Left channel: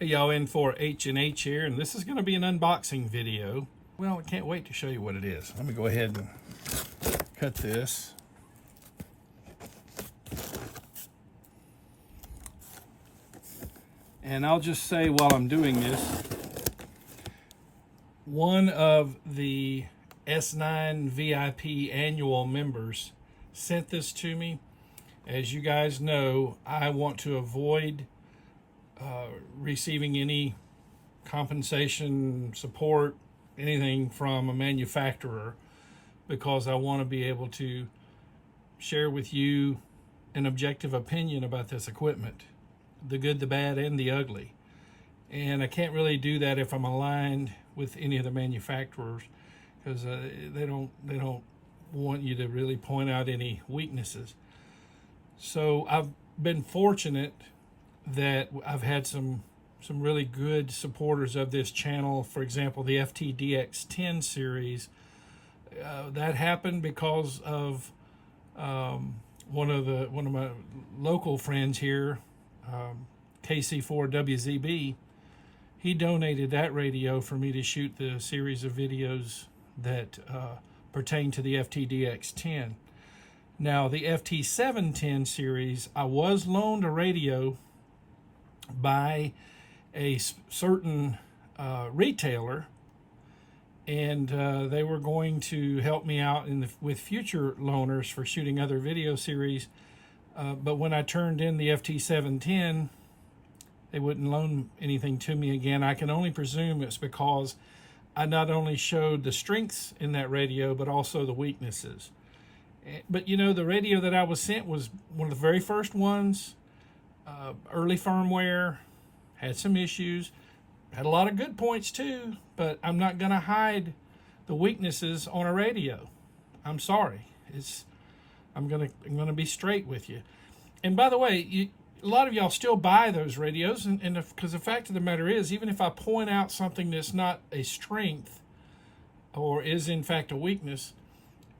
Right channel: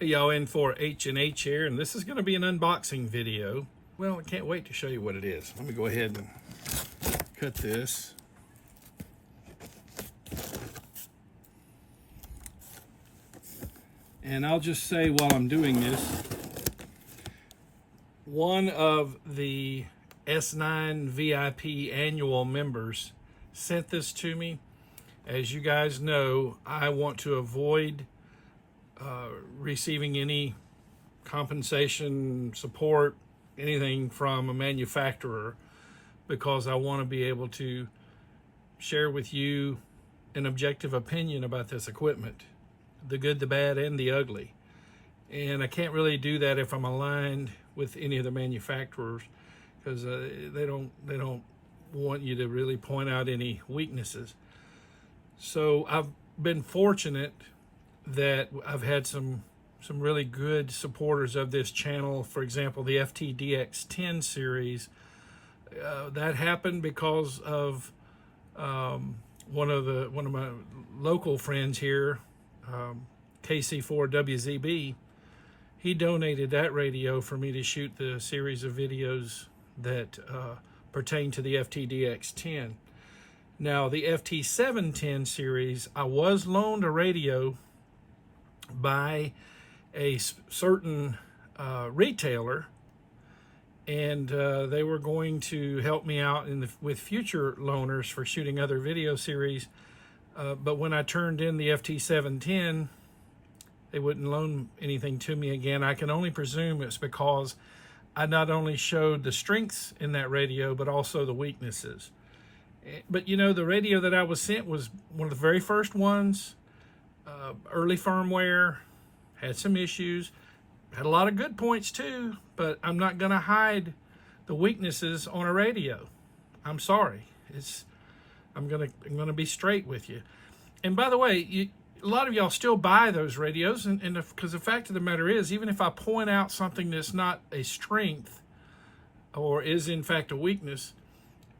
Hey y'all, in for H&H here, and this is going to be an unboxing video. Well, I can't wait to show you what it is. Let me go ahead and cut this. And I'll just say while I'm doing this, one of the S9 VIP annual members sent this to me. As you guys know, I want to avoid receiving any compensation, support, anything from a manufacturer, because I want to be able to share with you an objective opinion about this equipment, the good, the bad, and the ugly. And I can't really do that if I'm aligned with any of the manufacturers, because they don't want you to really point out any weaknesses. So I've been fortunate that I've had some really good supporters of this channel. For example, the FTDX10 series. That happened because of one of my local friends here, KC4WZB. He donated that radio for me to shoot the series of videos that pertain to the FTDX10. Now, the FT710 series, I was loaned a radio by a certain retailer, and they were going to help me out with future loaners for shooting other video series. But when I turned in the FT710, they wouldn't loan anything to me again. I can only presume it's because I not only showed the strengths in that radio, but also the weaknesses. But you know, the radio that I was sent was one of the very first ones, early firmware, had some issues, had a lot of good points too, but I'm not going to hide the weaknesses on a radio. I'm sorry. I'm gonna be straight with you. And by the way, a lot of y'all still buy those radios, and because the fact of the matter is, even if I point out something that's not a strength or is in fact a weakness,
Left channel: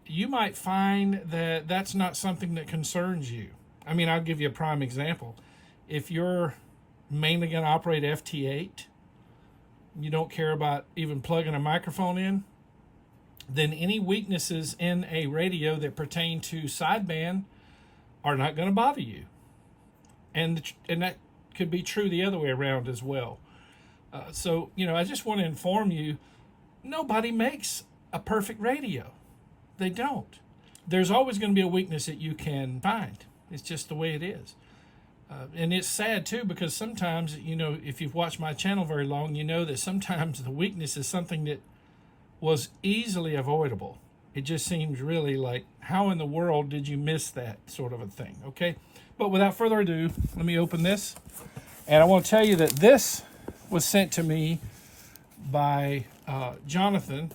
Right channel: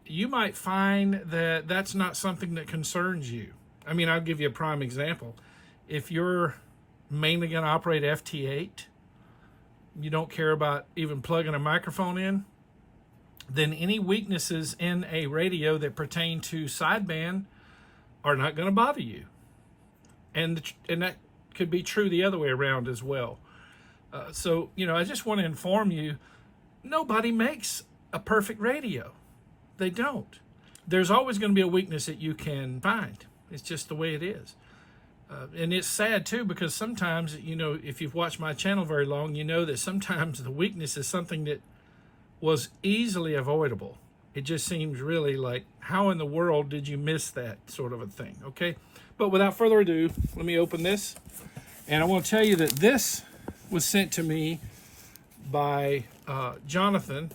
you might find that that's not something that concerns you. I mean, I'll give you a prime example. If you're mainly going to operate FT8, you don't care about even plugging a microphone in, then any weaknesses in a radio that pertain to sideband are not going to bother you. And that could be true the other way around as well. So, you know, I just want to inform you, nobody makes a perfect radio. They don't. There's always going to be a weakness that you can find. It's just the way it is. And it's sad too, because sometimes, you know, if you've watched my channel very long, you know that sometimes the weakness is something that was easily avoidable. It just seems really like, how in the world did you miss that sort of a thing? Okay. But without further ado, let me open this. And I want to tell you that this was sent to me by Jonathan.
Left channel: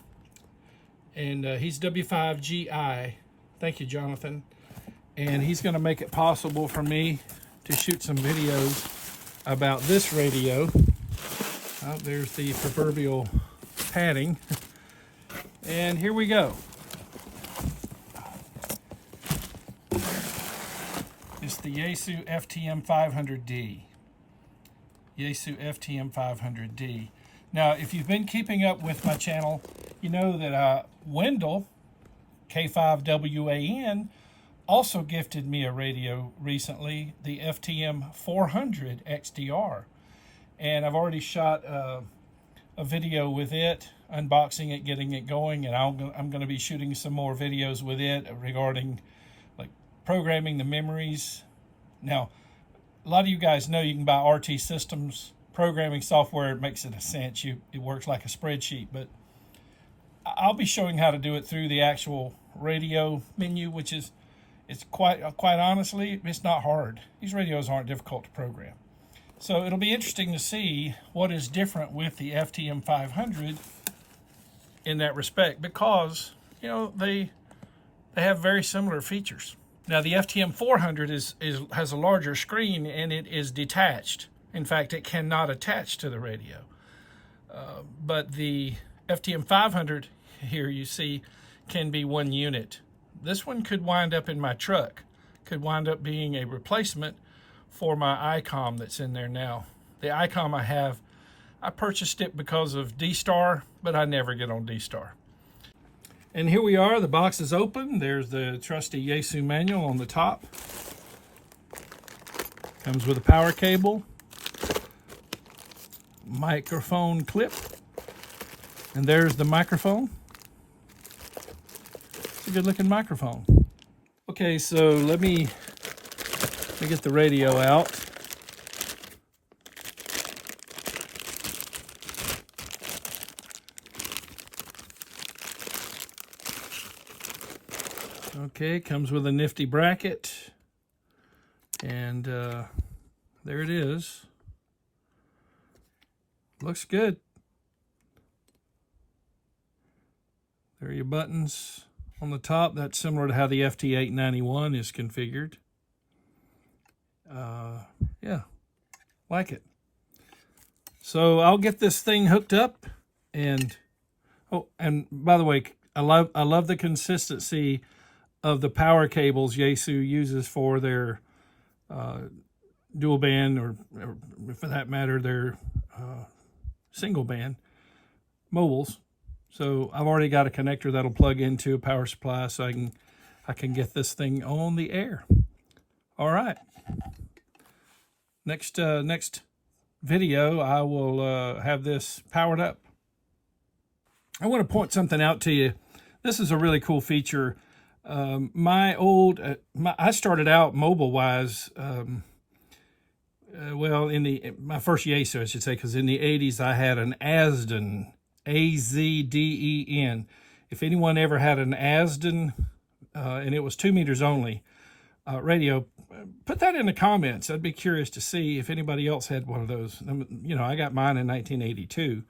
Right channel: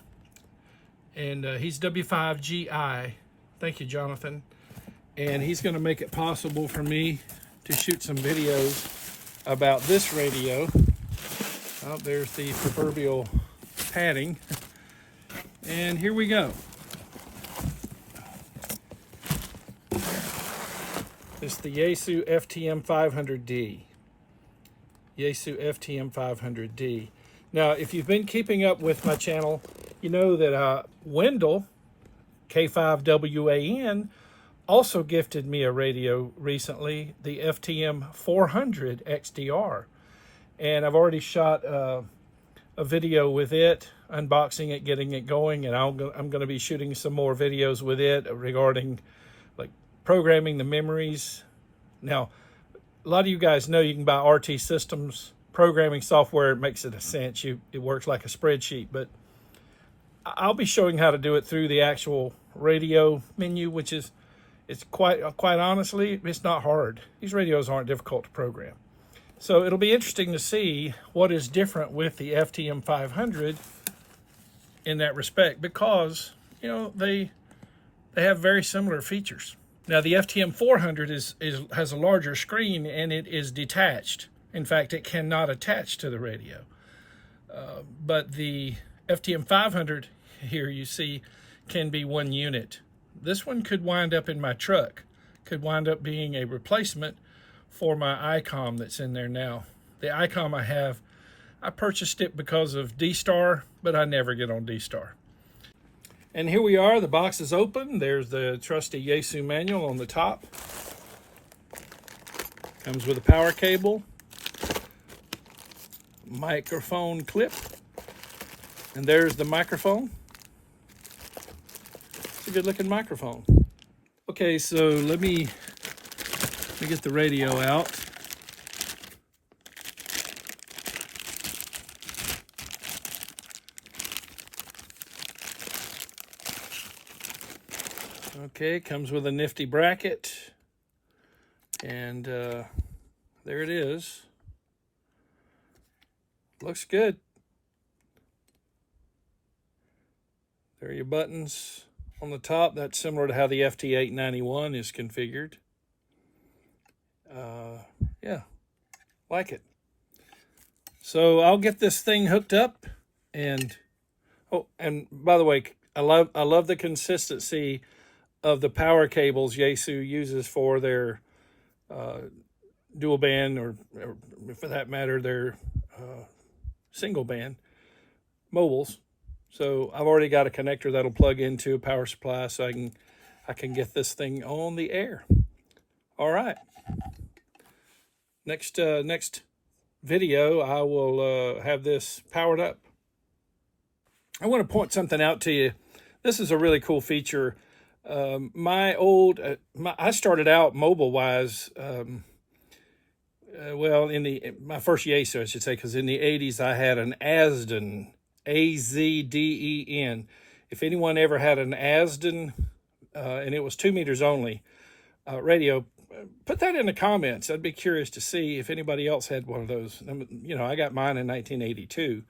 And he's W5GI. Thank you, Jonathan. And he's going to make it possible for me to shoot some videos about this radio. Oh, there's the proverbial padding. And here we go. It's the Yaesu FTM-500D. Yaesu FTM-500D. Now, if you've been keeping up with my channel, you know that Wendell, K5WAN, also gifted me a radio recently, the FTM-400 XDR. And I've already shot a video with it, unboxing it, getting it going, and I'm going to be shooting some more videos with it regarding like programming the memories. Now, a lot of you guys know you can buy RT Systems programming software. It makes it a cinch. It works like a spreadsheet, but I'll be showing how to do it through the actual radio menu, which is, it's quite honestly, it's not hard. These radios aren't difficult to program. So it'll be interesting to see what is different with the FTM-500 in that respect, because, you know, they have very similar features. Now, the FTM-400 has a larger screen, and it is detached. In fact, it cannot attach to the radio. But the FTM-500 here, you see, can be one unit. This one could wind up in my truck, could wind up being a replacement for my ICOM that's in there now. The ICOM I have, I purchased it because of D-Star, but I never get on D-Star. And here we are, the box is open. There's the trusty Yaesu manual on the top. Comes with a power cable, microphone clip, and there's the microphone. It's a good looking microphone. Okay, so let me get the radio out. Okay, comes with a nifty bracket, and there it is. Looks good. There are your buttons on the top. That's similar to how the FT-891 is configured. Yeah, like it. So I'll get this thing hooked up, and oh, and by the way, I love the consistency of the power cables Yaesu uses for their dual band, or for that matter, their single band mobiles. So I've already got a connector that'll plug into a power supply, so I can get this thing on the air. All right. Next video, I will have this powered up. I want to point something out to you. This is a really cool feature. I started out mobile-wise, well, my first Yaesu, I should say, because in the 80s I had an Azden, A-Z-D-E-N. If anyone ever had an Azden, and it was 2 meters only, radio, put that in the comments. I'd be curious to see if anybody else had one of those. You know, I got mine in 1982.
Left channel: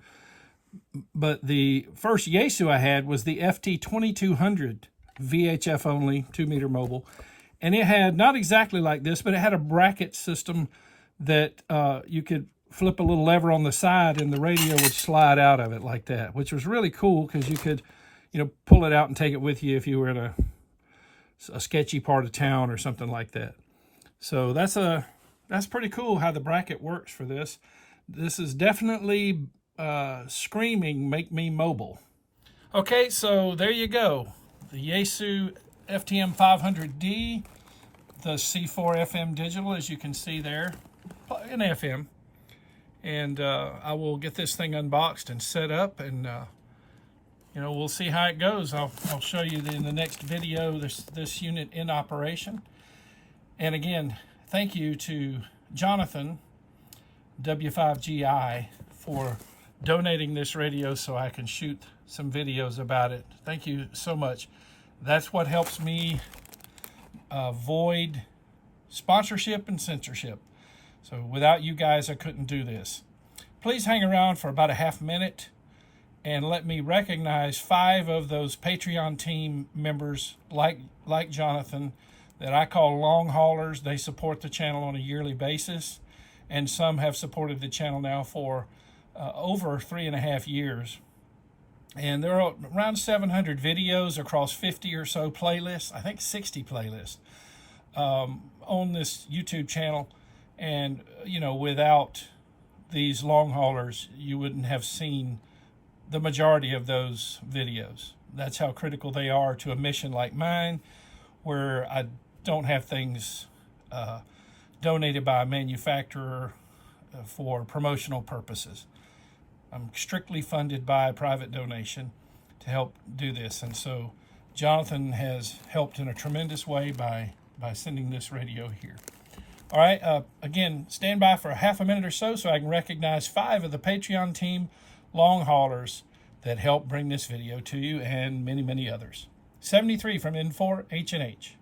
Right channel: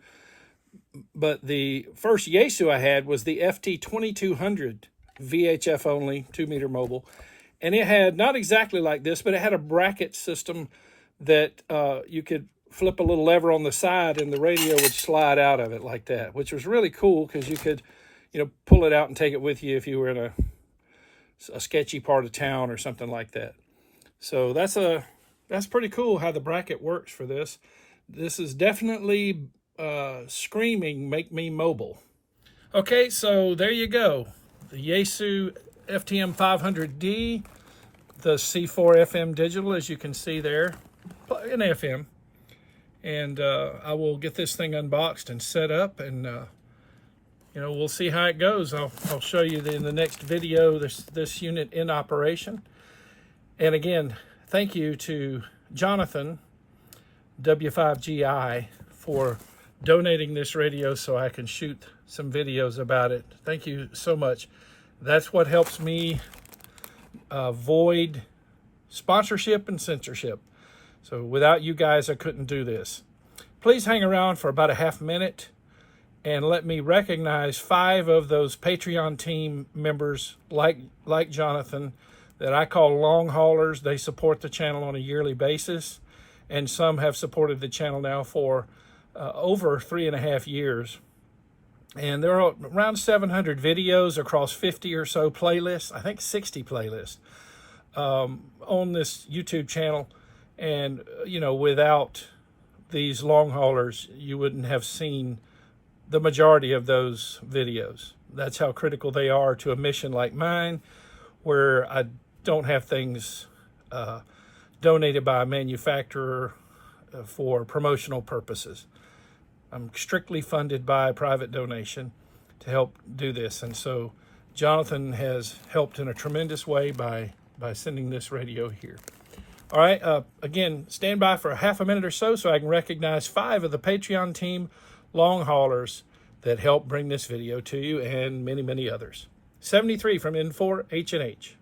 But the first Yaesu I had was the FT-2200, VHF only, 2 meter mobile. And it had, not exactly like this, but it had a bracket system that you could flip a little lever on the side and the radio would slide out of it like that, which was really cool because you could, you know, pull it out and take it with you if you were in a sketchy part of town or something like that. So that's pretty cool how the bracket works for this. This is definitely screaming, make me mobile. Okay, so there you go. The Yaesu FTM-500D, the C4 FM digital, as you can see there, in FM. And I will get this thing unboxed and set up, and you know, we'll see how it goes. I'll show you in the next video this unit in operation. And again, thank you to Jonathan, W5GI, for donating this radio so I can shoot some videos about it. Thank you so much. That's what helps me avoid sponsorship and censorship. So without you guys, I couldn't do this. Please hang around for about a half minute and let me recognize 5 of those Patreon team members like Jonathan that I call long haulers. They support the channel on a yearly basis, and some have supported the channel now for over 3.5 years. And there are around 700 videos across 50 or so playlists, I think 60 playlists on this YouTube channel. And, you know, without these long haulers, you wouldn't have seen the majority of those videos. That's how critical they are to a mission like mine, where I don't have things donated by a manufacturer for promotional purposes. I'm strictly funded by private donation to help do this. And so Jonathan has helped in a tremendous way by sending this radio here. All right, again, stand by for a half a minute or so I can recognize 5 of the Patreon team long haulers that helped bring this video to you, and many, many others. 73 from N4 H&H.